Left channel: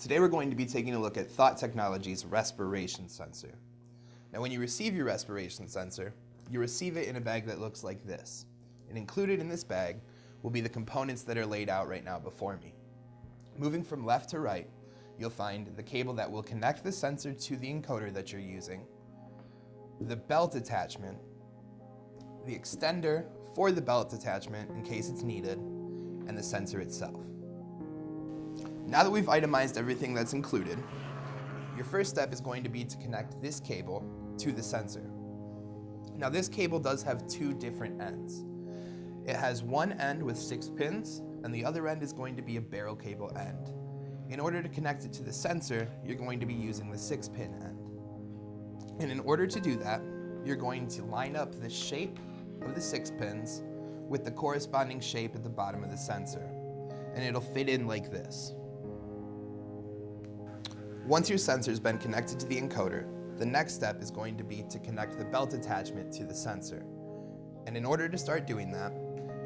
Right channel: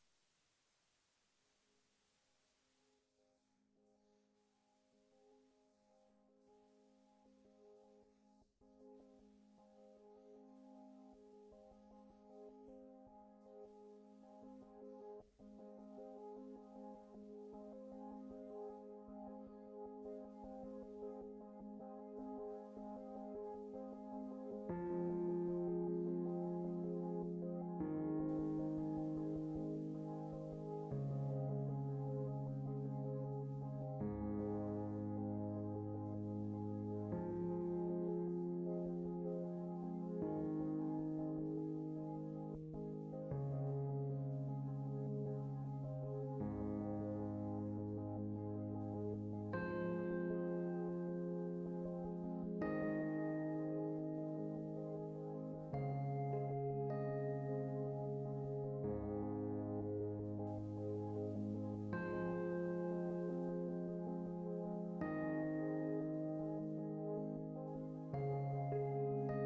Today we're going to be taking a look at Thought Technology's Respiration Sensor. Now when you receive your respiration sensor, you receive it in a bag that looks like this. And included in this bag will be the components that are laid out right now before me. Moving from left to right, you'll find the cable that will connect the sensor to the encoder that you're using, the belt attachment, the extender for the belt attachment in case it's needed, and the sensor itself. Now that we've itemized everything that's included, your first step is going to be to connect this cable to the sensor. Now this cable does have two different ends. It has one end with 6 pins, and the other end is going to be a barrel cable end. In order to connect it to the sensor, you're going to be using the 6-pin end. And in order to do that, you're going to line up the shape of the 6 pins with the corresponding shape at the bottom of the sensor, and it'll fit in like this. Once your sensor's been connected to the encoder, the next step is going to be to connect the belt attachment to the sensor. And in order to start doing that,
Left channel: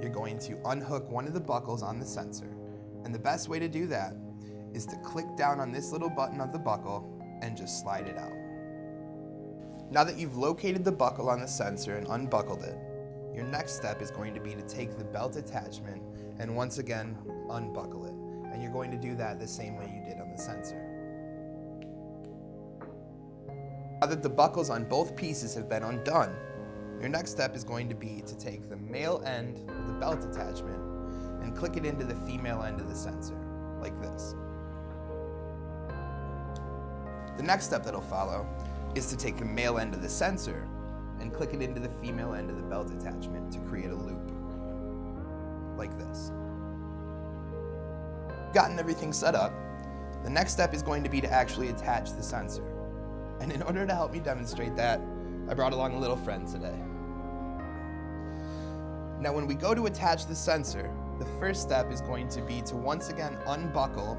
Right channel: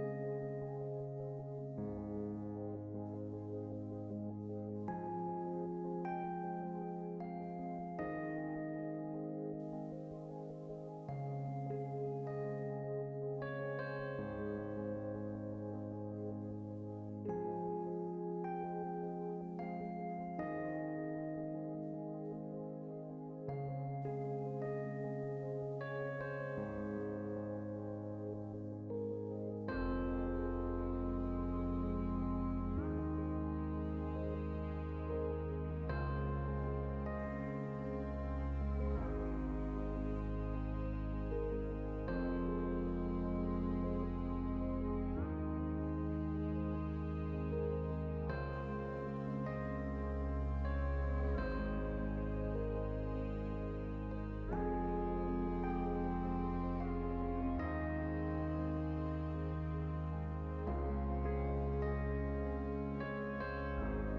you're going to unhook one of the buckles on the sensor. And the best way to do that is to click down on this little button of the buckle and just slide it out. Now that you've located the buckle on the sensor and unbuckled it, your next step is going to be to take the belt attachment and once again unbuckle it. And you're going to do that the same way you did on the sensor. Now that the buckles on both pieces have been undone, your next step is going to be to take the male end of the belt attachment and click it into the female end of the sensor, like this. The next step that'll follow is to take the male end of the sensor and click it into the female end of the belt attachment to create a loop, like this. Gotten everything set up, the next step is going to be to actually attach the sensor. And in order to help me demonstrate that, I brought along a little friend today. Now when we go to attach the sensor, the first step is going to be to once again unbuckle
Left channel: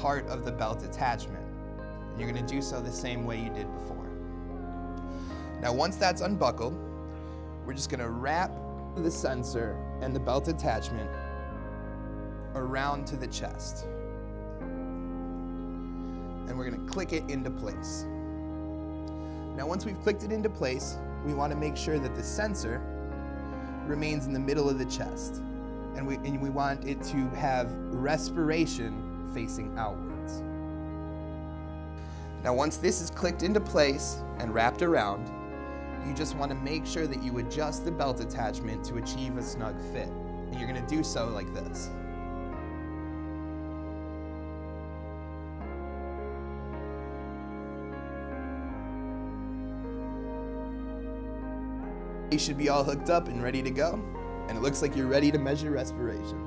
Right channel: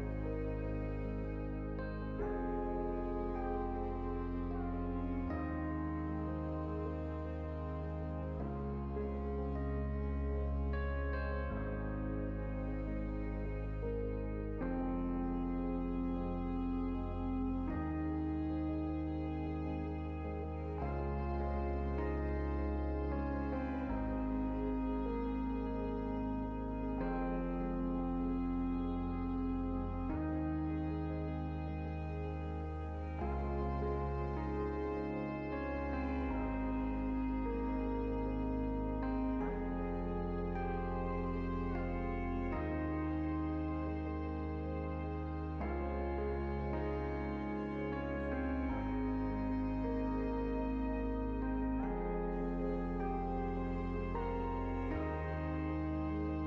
part of the belt attachment. You're going to do so the same way you did before. Now once that's unbuckled, we're just going to wrap the sensor and the belt attachment around to the chest. And we're going to click it into place. Now once we've clicked it into place, we want to make sure that the sensor remains in the middle of the chest. And we want it to have respiration facing outwards. Now once this is clicked into place and wrapped around, you just want to make sure that you adjust the belt attachment to achieve a snug fit. And you're going to do so like this. You should be all hooked up and ready to go. And it looks like you're ready to measure respiration.